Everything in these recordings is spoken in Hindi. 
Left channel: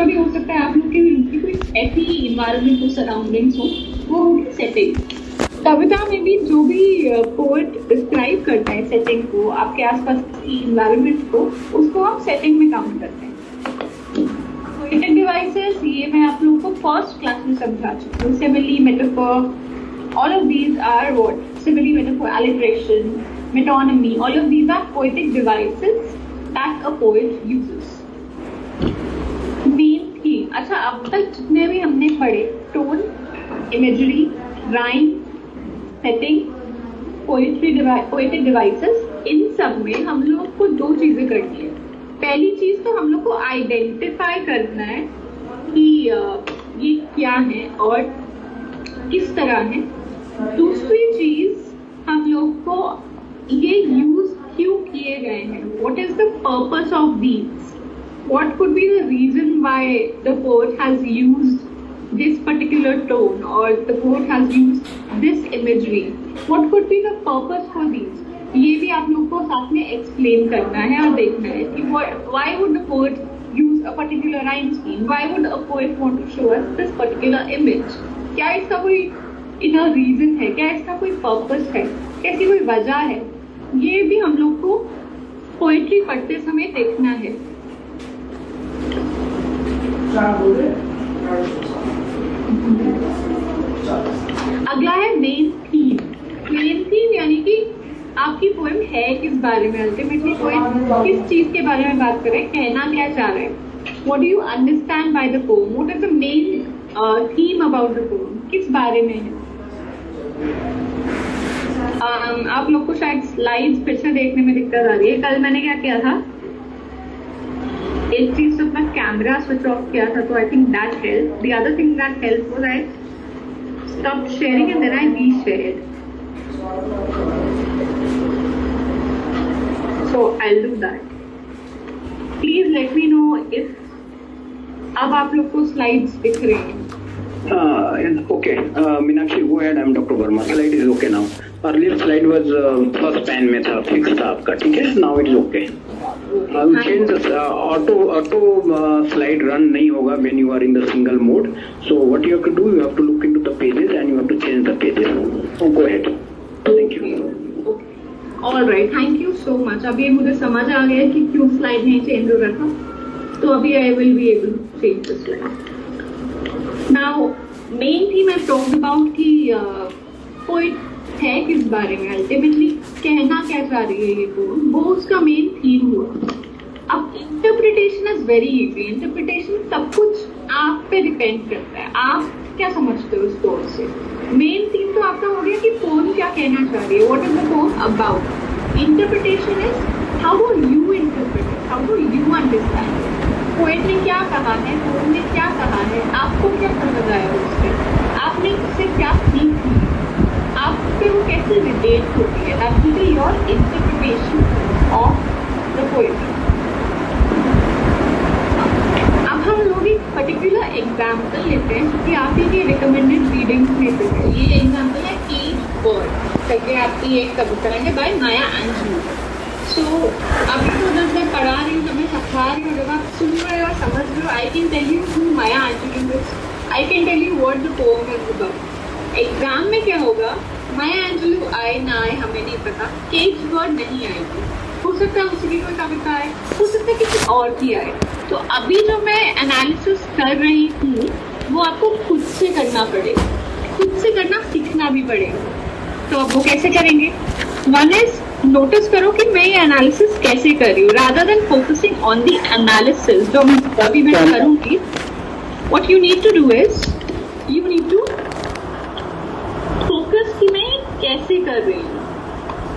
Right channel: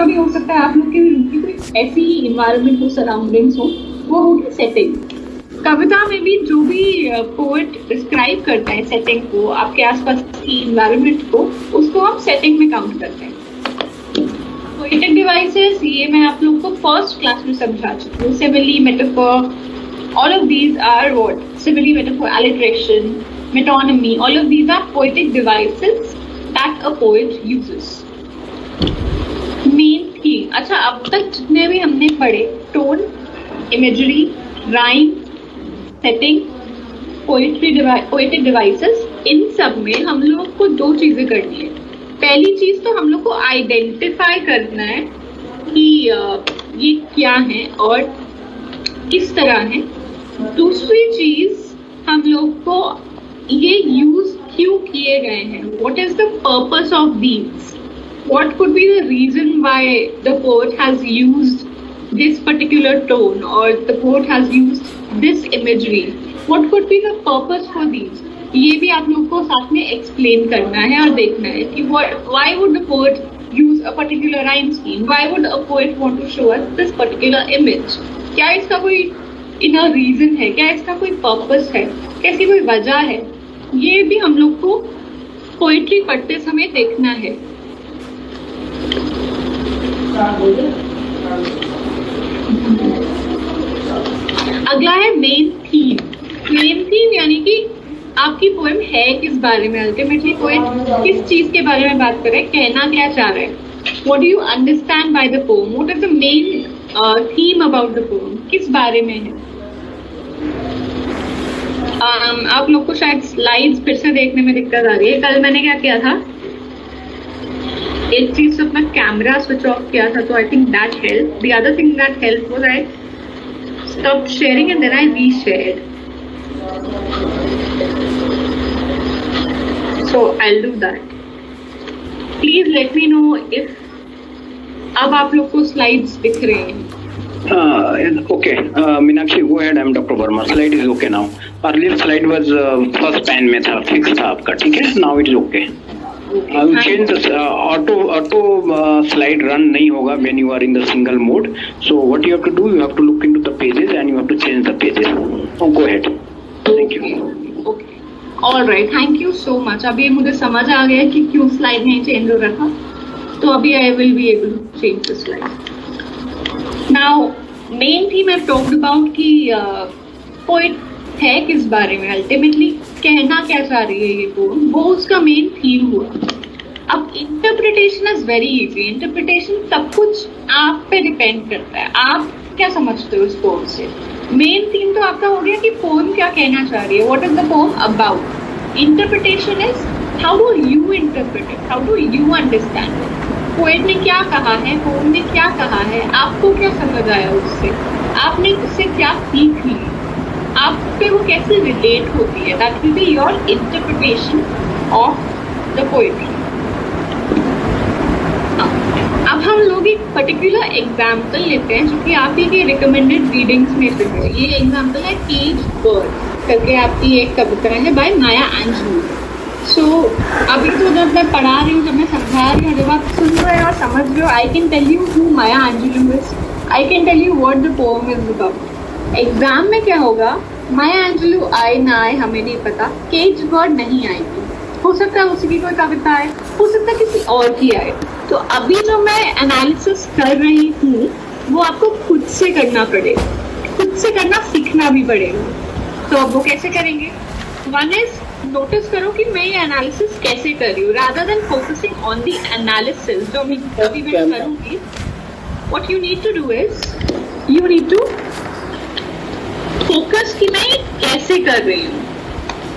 का भी हो सकता है, आप लोग के भी रूम की कोई ऐसी इन्वायरमेंट हो, सराउंडिंग्स हो, वो होगी सेटिंग। कविता में भी जो भी पोएट डिस्क्राइब करता है सेटिंग को, आपके आसपास की इन्वायरमेंट को, उसको हम सेटिंग में काउंट करते हैं। पोएटिक डिवाइसेस, ये मैं आप लोगों को फर्स्ट क्लास में समझा चुकी हूँ। Simile, metaphor, all of these are what? Simile, metaphor, alliteration, metonymy, all of these are poetic devices that a poet uses. Main theme, अच्छा अब तक जितने भी हमने पढ़े, tone, imagery, rhyme, setting, poetic devices, इन सब में हम लोग को दो चीजें करनी है। पहली चीज तो हम लोग को आइडेंटिफाई करना है कि ये क्या है और किस तरह है। दूसरी चीज हम लोग को ये यूज क्यों किए गए हैं, what is the purpose of these, what could be the reason why the poet has used this particular tone और the poet has used this imagery, what could be the purpose for these. ये भी आप लोग को साथ में एक्सप्लेन करना है और देखना है कि why would the poet use a particular rhyme scheme, why would a poet want to show us this particular image, क्या इसका कोई इनर रीजन है, क्या इसका कोई पर्पस है, कैसी कोई वजह है, ये भी हम लोग को पोएट्री पढ़ते समय देखना है। अगला है मेन थीम। मेन थीम यानी कि आपकी पोएम है किस बारे में, अल्टीमेटली पोएट किस चीज के बारे में बात कर रहे हैं, कहना क्या चाह रहे हैं, what do you understand by the poem, what is the main theme about the poem, किस बारे में है। आप लोग को शायद स्लाइड्स फिर से देखने में दिक्कत आ रही है। कल मैंने क्या किया था, एक चीज तो अपना कैमरा स्विच ऑफ किया था, तो I think that help. The other thing that help was I stop sharing and then I reshared. So I'll do that. Please let me know if अब आप लोग को स्लाइड्स दिख रहे हैं। Okay, Meenakshi, go ahead. I'm Dr. Verma. Slide is okay now. Earlier slide was first pan में था, fixed था आपका, ठीक है? Now it is okay. I will change the auto slide run नहीं होगा when you are in the single mode. So what you have to do, you have to look into the pages and you have to change the pages. Oh, go ahead. Thank you. Alright, thank you so much. अभी मुझे समझ आ गया कि क्यों स्लाइड नहीं चेंज हो रहा था, तो अभी I will be able to change the slide. Now main theme I talked about कि पोएट है किस बारे में, अल्टीमेटली कहना क्या चाह रही है ये पोएम, वो उसका मेन थीम हुआ। अब interpretation is very easy. Interpretation सब कुछ आप पे डिपेंड करता है, आप क्या समझते हो इस पोएम से। मेन थीम तो आपका हो गया कि पोएम क्या कहना चाह रही है, what is the poem about. Interpretation is how do you interpret it, how do you understand, poet ने क्या कहा है, पोएम ने क्या कहा है, आपको क्या समझ आया उससे, आपने उससे क्या सीख ली, आप पे वो कैसे रिलेट होती है। That will be your interpretation of the poetry. अब हम लोग एक पर्टिकुलर एग्जाम्पल लेते हैं जो कि आप ही के रिकमेंडेड रीडिंग्स में से है। ये एग्जाम्पल है केज बर्ड करके आपकी एक कविता है बाय माया एंजेलू। सो अभी तो जब मैं पढ़ा रही हूँ, जब मैं समझा रही हूँ, जब आप सुन रहे हो, समझ रहे हो, I can tell you who Maya Angelou is, I can tell you what the poem is about. Exam में क्या होगा, माया एंजेलू आए ना आए हमें नहीं पता, केज बर्ड नहीं आएगी, हो सकता है उसी की कोई कविता आए, हो सकता है किसी और की आए। तो अभी जो मैं एनालिसिस कर रही हूँ वो आपको खुद से करना पड़ेगा, खुद से करना सीखना भी पड़ेगा। तो अब वो कैसे करेंगे, वन इज नोटिस करो कि मैं ये एनालिसिस कैसे कर रही हूँ, rather than focusing on the analysis जो अभी मैं करूँगी। What you need to do is you need to focus कि मैं कैसे कर रही हूँ,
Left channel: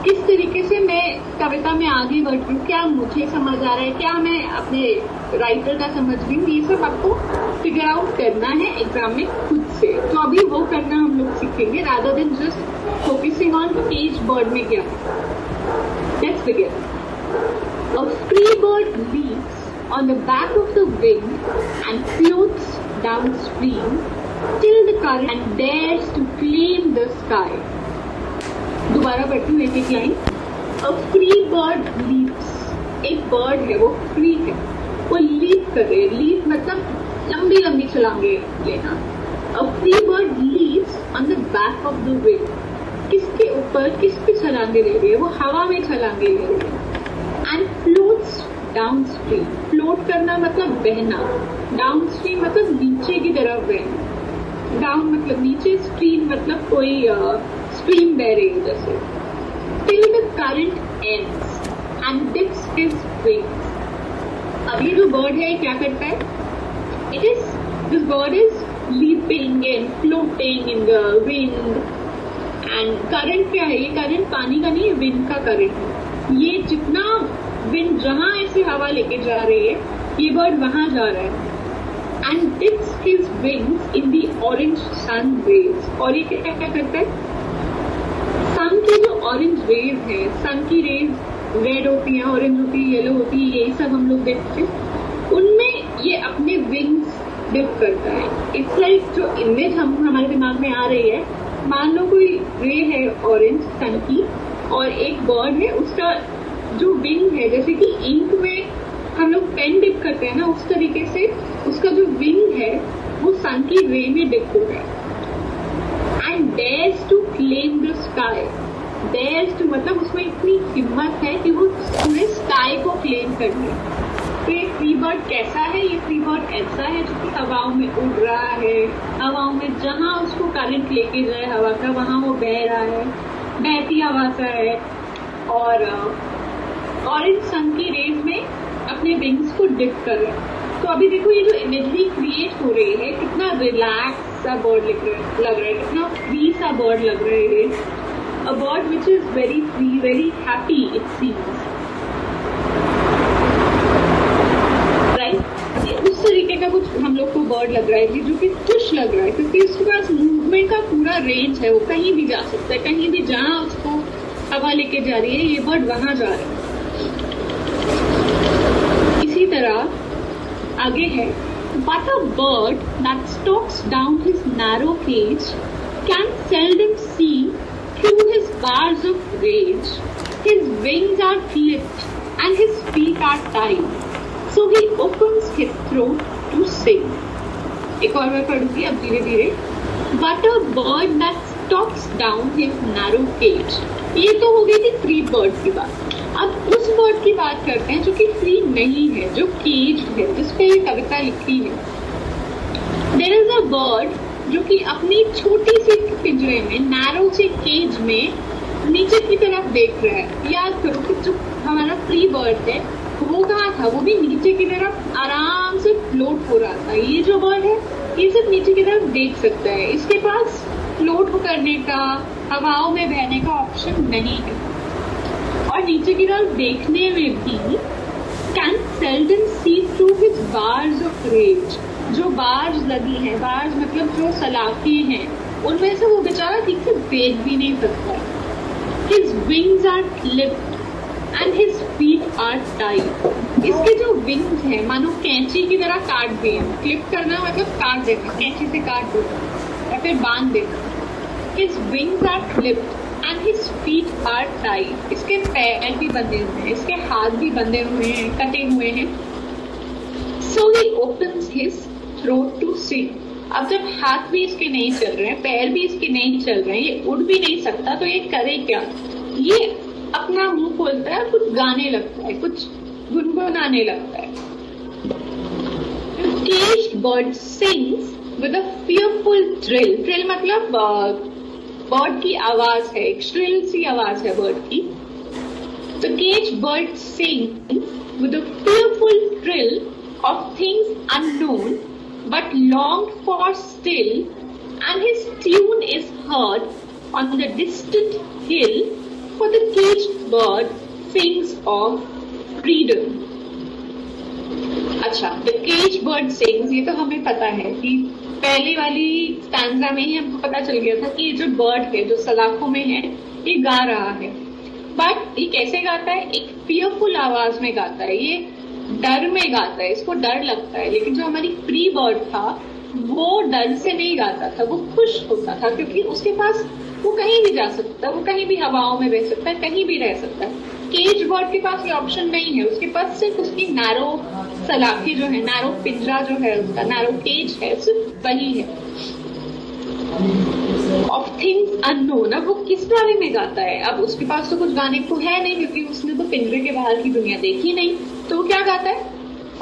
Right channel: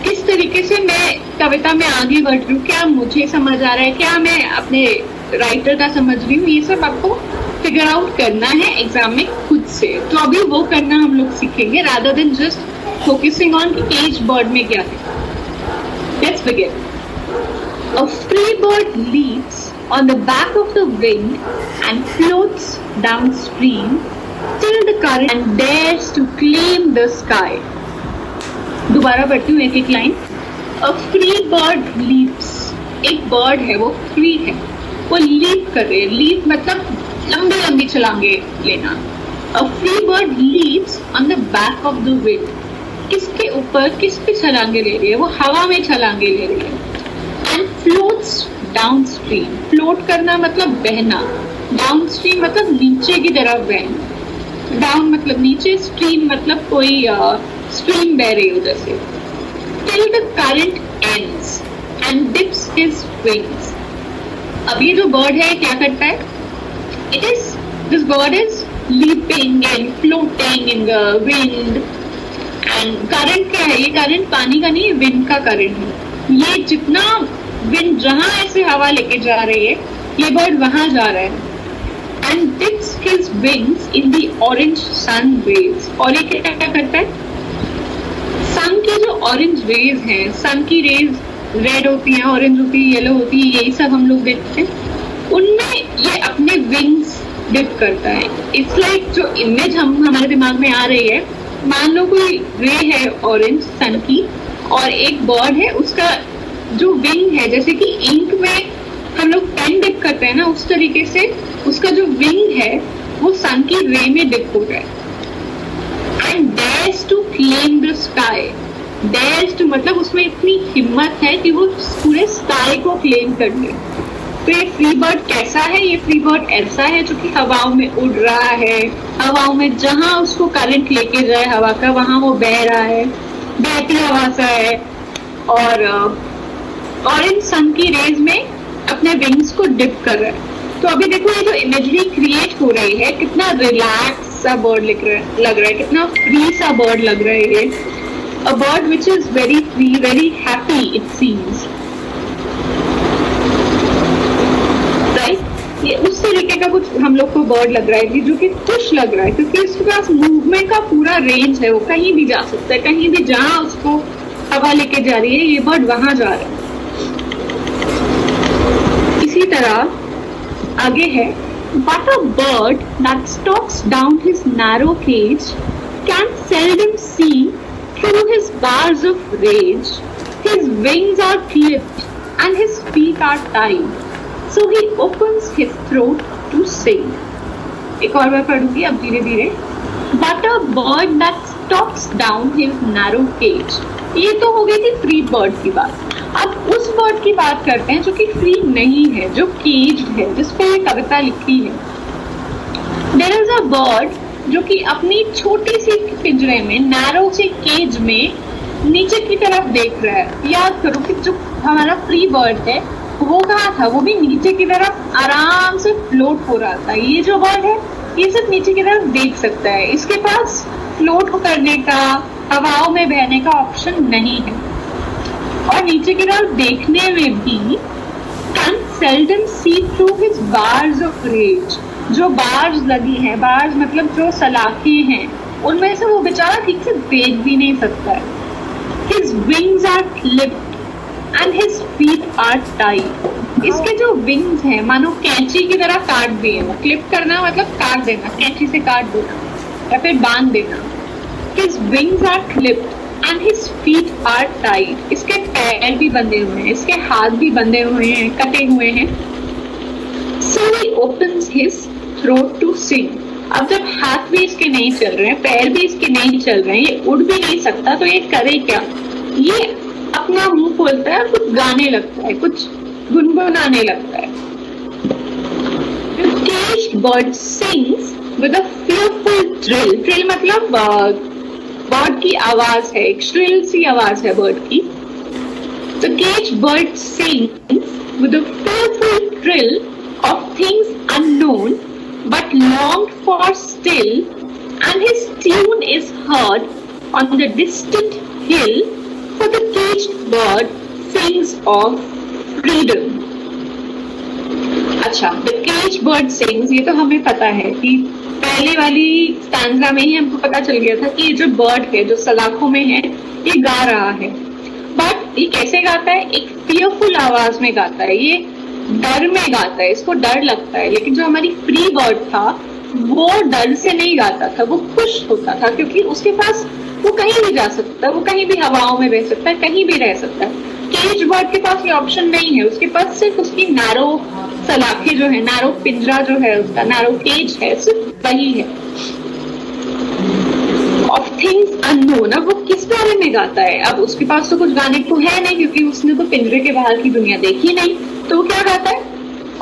किस तरीके से मैं कविता में आगे बढ़ रही हूँ, क्या मुझे समझ आ रहा है, क्या मैं अपने राइटर का समझ रही हूँ, ये सब आपको फिगर आउट करना है एग्जाम में खुद से। तो अभी वो करना हम लोग सीखेंगे rather than just focusing on cage bird में क्या है। Let's begin. A free bird leaps on the back of the wind and floats downstream till the current and dares to claim the sky. दोबारा पढ़ती हूँ एक एक line. A free bird leaps, एक बर्ड है वो फ्री है, वो लीप कर रही है। लीप मतलब लंबी लंबी छलांगे लेना। A free bird leaps on the back of the wind. किसके ऊपर, किस पे छलांगे ले रही है? वो हवा में छलांगे ले रही है। And floats downstream. फ्लोट करना मतलब बहना, डाउनस्ट्रीम मतलब नीचे की तरफ बहना। डाउन मतलब नीचे, स्ट्रीम मतलब कोई स्ट्रीम बह रही हो जैसे। Till the current ends and dips his wings. अब ये जो बर्ड है क्या करता है? This bird is leaping and floating in the wind. And current क्या है? ये current पानी का नहीं है, wind का current है। ये जितना wind जहाँ ऐसे हवा लेके जा रही है, ये bird वहाँ जा रहा है। And dips his wings in the orange sun rays. और ये क्या करता है? सन की जो ऑरेंज रेज हैं, सन की रेज रेड होती है, ऑरेंज होती है, येलो होती है, यही सब हम लोग देखते हैं। उनमें ये अपने विंग्स डिप करता है। इट्स लाइक जो इमेज हमारे दिमाग में आ रही है, मान लो कोई रे है ऑरेंज सन की और एक बर्ड है, उसका जो विंग है, जैसे कि इंक में हम लोग पेन डिप करते हैं ना, उस तरीके से उसका जो विंग है वो सन की रे में डिप हो गया है। And dares to claim the sky. Dares to मतलब उसमें इतनी हिम्मत है कि वो पूरे स्काई को क्लेम कर ले। तो ये फ्री बर्ड कैसा है? ये फ्री बर्ड ऐसा है जो कि हवाओं में उड़ रहा है, हवाओं में जहां उसको करंट लेके जाए हवा का वहां वो बह रहा है, बहती हवा सा है और ऑरेंज सन की रेज में अपने विंग्स को डिप कर रहा है। तो अभी देखो ये जो इमेजरी क्रिएट हो रही है, कितना रिलैक्स सा बर्ड लग रहा है, कितना फ्री सा बर्ड लग रहा है ये। A bird which is very free, very happy it seems. Right? ये उस तरीके का कुछ हम लोग को बर्ड लग रहा है जो कि खुश लग रहा है, क्योंकि उसके पास मूवमेंट का पूरा रेंज है, वो कहीं भी जा सकता है, कहीं भी जहां उसको हवा लेके जा रही है ये बर्ड वहां जा रहा है। इसी तरह आगे है, but a bird that stalks down his narrow cage can seldom see through his bars of rage. His wings are clipped and his feet are tied, so he opens his throat to sing. एक और बार पढ़ूंगी अब धीरे धीरे। But a bird that stalks down his narrow cage. ये तो हो गई थी फ्री बर्ड की बात। अब उस बर्ड की बात करते हैं जो कि फ्री नहीं है, जो केज्ड है, जिसपे ये कविता लिखी है। There is a bird जो कि अपनी छोटी सी पिंजरे में, नैरो से केज में नीचे की तरफ देख रहा है। याद करो कि जो हमारा फ्री बर्ड है वो कहाँ था? वो भी नीचे की तरफ आराम से फ्लोट हो रहा था। ये जो बर्ड है ये सिर्फ नीचे की तरफ देख सकता है, इसके पास फ्लोट करने का, हवाओं में बहने का ऑप्शन नहीं है। और नीचे की तरफ देखने में भी can seldom see through his bars of rage. जो बार्स लगी हैं, बार्स मतलब जो सलाखें हैं, उनमें से वो बेचारा ठीक से देख भी नहीं सकता है। His wings are clipped and his feet are tied. इसके जो विंग्स हैं मानो कैंची की तरह काट दिए हैं। क्लिप करना मतलब काट देना, कैंची से काट देना या फिर बांध देना। His wings are clipped and his feet are tied. इसके पैर भी बंधे हुए हैं, इसके हाथ भी बंधे हुए हैं, कटे हुए हैं। So he opens his throat to sing. अब जब हाथ भी इसके नहीं चल रहे हैं, पैर भी इसके नहीं चल रहे हैं, ये उड़ भी नहीं सकता, तो ये करे क्या? ये अपना मुंह खोलता है, कुछ गाने लगता है, कुछ गुनगुनाने लगता है। The caged bird sings with a fearful trill. Trill मतलब बर्ड की आवाज है, एक श्रिल सी आवाज है बर्ड की। The caged bird sings with a fearful trill of things unknown but longed for still, and his tune is heard on the distant hill, for the caged bird sings of freedom. अच्छा, the caged bird sings, ये तो हमें पता है कि पहले वाली स्टैंजा में ही हमको पता चल गया था कि ये जो बर्ड है, जो सलाखों में है, ये गा रहा है। बट ये कैसे गाता है? एक फियरफुल आवाज में गाता है, ये डर में गाता है, इसको डर लगता है। लेकिन जो हमारी फ्री बर्ड था वो डर से नहीं गाता था, वो खुश होता था, क्योंकि उसके पास वो कहीं भी जा सकता है, वो कहीं भी हवाओं में रह सकता है, कहीं भी रह सकता है। केज बर्ड के पास ये ऑप्शन नहीं है, उसके पास सिर्फ उसकी नैरो सलाखें जो है, नैरो पिंजरा जो है उसका, नैरो केज है, सिर्फ वही है। ऑफ थिंग्स अननोन, अब वो किस बारे में गाता है? अब उसके पास तो कुछ गाने को है नहीं, क्योंकि उसने तो पिंजरे के बाहर की दुनिया देखी नहीं, तो वो क्या गाता है?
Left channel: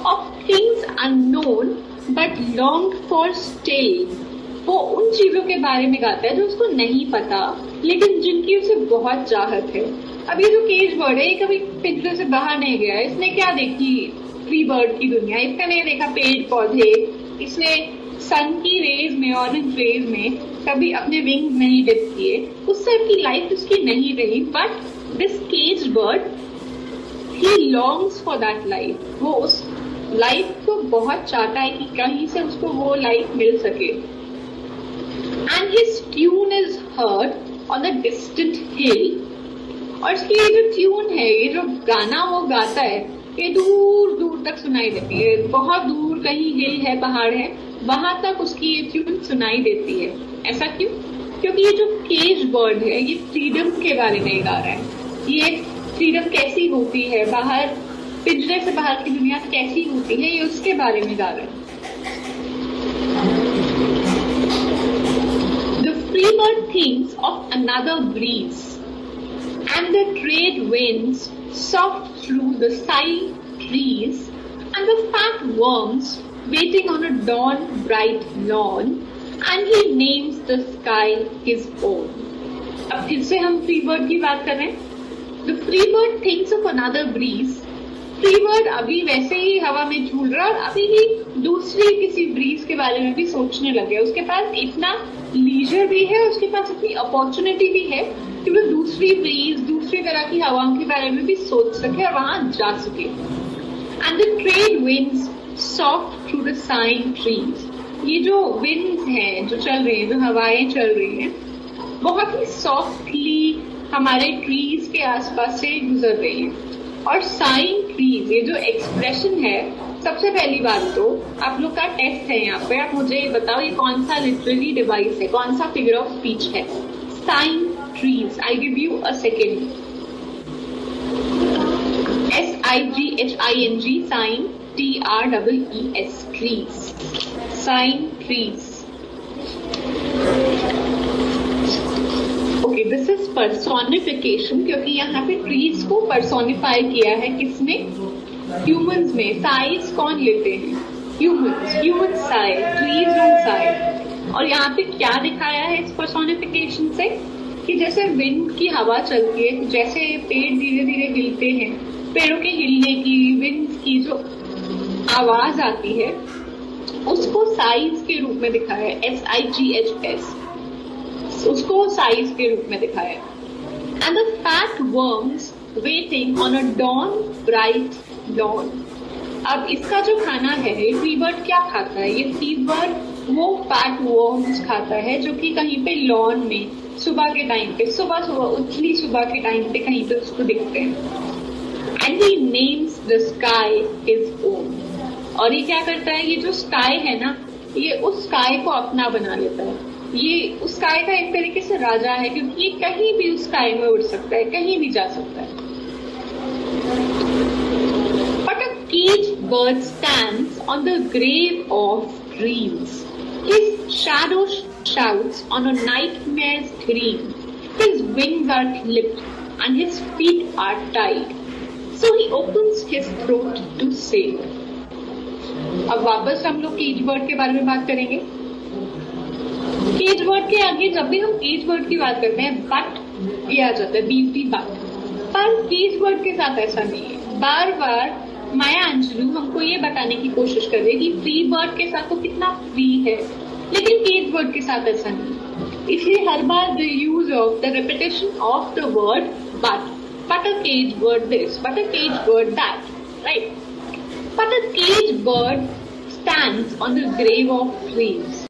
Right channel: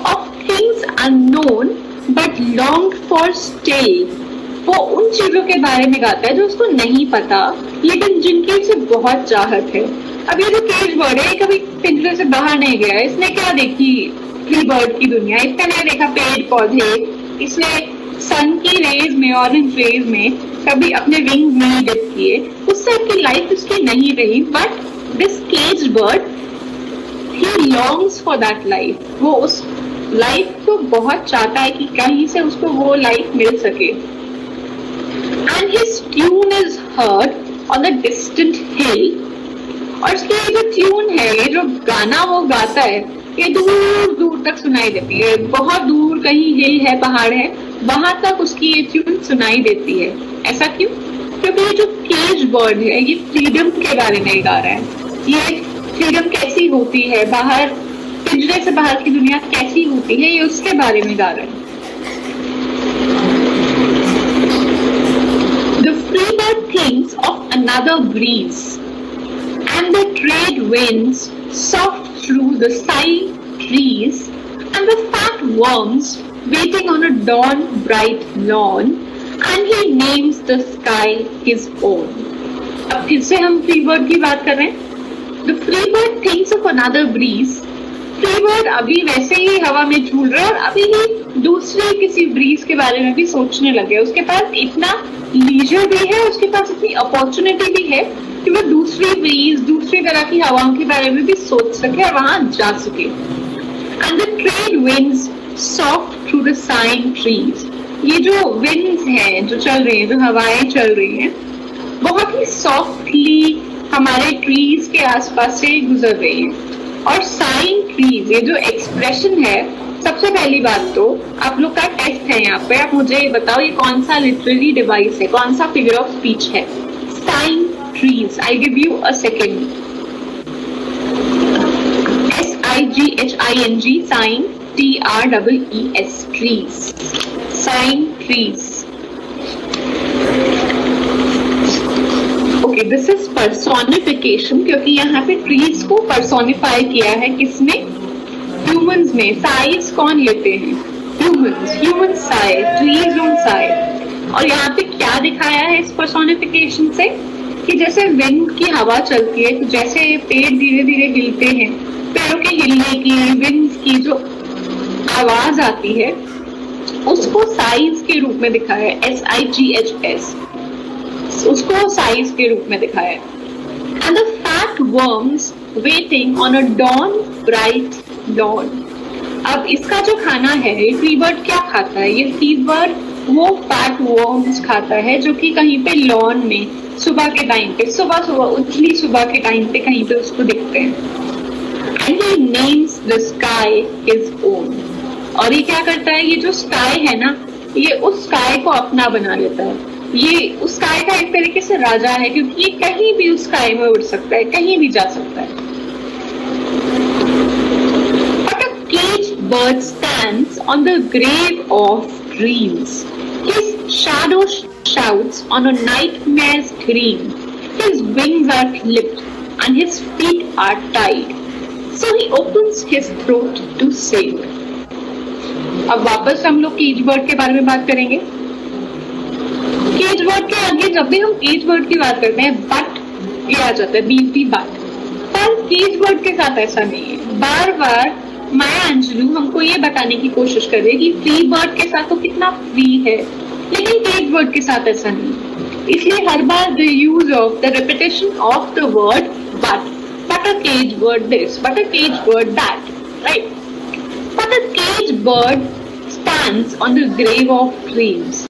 Of things unknown but long for still, वो उन चीजों के बारे में गाता है जो उसको नहीं पता लेकिन जिनकी उसे बहुत चाहत है। अब ये जो केज बर्ड है, कभी पिंजरे से बाहर नहीं गया, इसने क्या देखी फ्री बर्ड की दुनिया? इसने नहीं देखा पेड़ पौधे, इसने सन की रेज में, ऑरेंज रेज में कभी अपने विंग नहीं डिप किए, उससे की लाइफ उसकी नहीं रही। बट दिस केज बर्ड ही लॉन्ग्स फॉर दैट लाइफ, वो उस लाइफ को बहुत चाहता है कि कहीं से उसको वो लाइफ मिल सके। And his tune is heard on the distant hill, और इसकी ये जो ट्यून है, ये जो गाना वो गाता है, ये दूर दूर तक सुनाई देती है। बहुत दूर कहीं हिल है, पहाड़ है, वहां तक उसकी ये ट्यून सुनाई देती है। ऐसा क्यों? क्योंकि ये जो केज बर्ड है ये फ्रीडम के बारे में गा रहा है। ये फ्रीडम कैसी होती है, बाहर पिंजरे से बाहर की दुनिया कैसी होती है, ये उसके बारे में गा रहा है। Freebird thinks of another breeze, and the trade winds soft through the sighing trees, and the fat worms waiting on a dawn bright lawn, and he names the sky his own. अब फिर से हम freebird की बात कर रहे हैं। The freebird thinks of another breeze. फ्रीबर्ड अभी वैसे ही हवा में झूल रहा है और अभी ही दूसरे किसी ब्रीज के बारे में भी सोचने लगे। उसके पास इतना लीजर भी है, उसके पास इतनी अपॉर्चुनिटी भी है कि वो दूसरी ब्रीज, दूसरी तरह की हवाओं के बारे में भी सोच सके और वहां जा सके। And the trade winds soft through the saying trees, ये जो विंड्स हैं जो चल रही हैं, जो हवाएं चल रही हैं, बहुत ही सॉफ्टली हमारे ट्रीज के आसपास से गुजर रही है। और साइंग ट्रीज, ये जो एक्सप्रेशन है, सबसे पहली बात तो आप लोग का टेस्ट है यहाँ पे, आप मुझे बताओ ये कौन सा लिटरेरी डिवाइस है, कौन सा फिगर ऑफ स्पीच है? Saying trees. I give you a second. SIGHING, saying, TREES, trees, saying trees. Okay, this is personification, क्योंकि यहाँ पे ट्रीज को पर्सोनिफाई किया है किसने? ह्यूमंस में। साइज कौन लेते हैं? Humans. Human sigh, trees don't sigh. और यहाँ पे क्या दिखाया है इस पर्सोनिफिकेशन से कि जैसे विंड की हवा चलती है, तो जैसे पेड़ धीरे धीरे हिलते हैं, पेड़ों के हिलने की, विंड्स की जो आवाज आती है, उसको साइज के रूप में दिखाया है। SIGHS, उसको साइज के रूप में दिखाया है। And the fat worms waiting on a dawn bright lawn. अब इसका जो खाना है, फ्रीबर्ड क्या खाता है? ये फ्रीबर्ड वो फैट वर्म्स खाता है जो कि कहीं पे लॉन में सुबह के टाइम पे, सुबह सुबह उछली सुबह के टाइम पे कहीं पे उसको दिखते हैं। And he names the sky his own. और ये क्या करता है? ये जो स्काई है ना, ये उस स्काई को अपना बना लेता है। ये उस स्काई का एक तरीके से राजा है, क्योंकि ये कहीं भी उस स्काई में उड़ सकता है, कहीं भी जा सकता है। But a caged bird stands on the grave of dreams. His shadow shouts on a nightmare's dream. His wings are clipped and his feet are tied. So he opens his throat to sing. अब वापस हम लोग केज बर्ड के बारे में बात करेंगे। केज बर्ड के आगे जब भी हम केज बर्ड की बात करते हैं, बट ये आ जाता है, बीटी बट। पर केज बर्ड के साथ ऐसा नहीं है। बार बार माया अंजलू हमको ये बताने की कोशिश कर रही है कि फ्री बर्ड के साथ तो कितना फ्री है, लेकिन केज बर्ड के साथ ऐसा नहीं। इसलिए हर बार the use of the repetition of the word but a cage bird this, but a cage bird that, right? But a cage bird stands on the grave of dreams.